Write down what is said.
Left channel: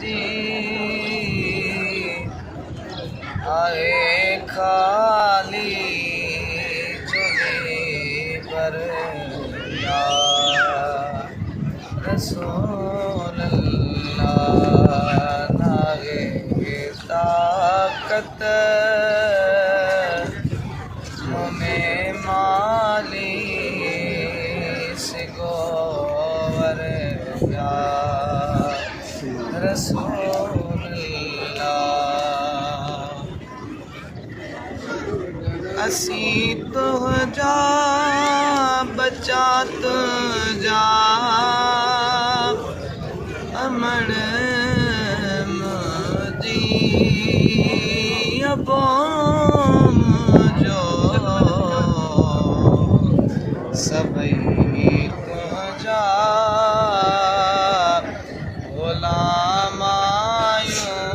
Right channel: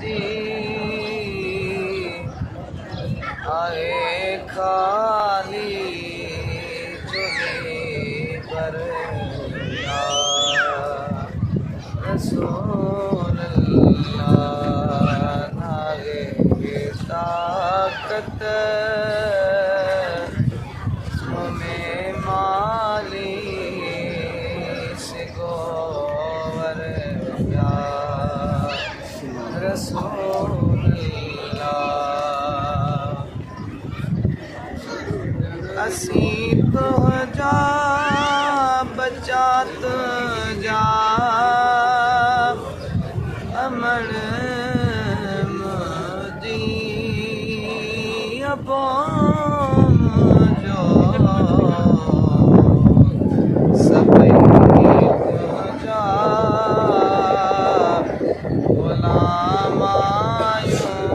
जी आए खाली झोली पर या रसूल अल्लाह नागे ताकत में माली सिगोवर या रसूल अल्लाह असी तो जा बचा तो जा अमन मुझी अबोम जो सबई तुझा गुलाम आयूं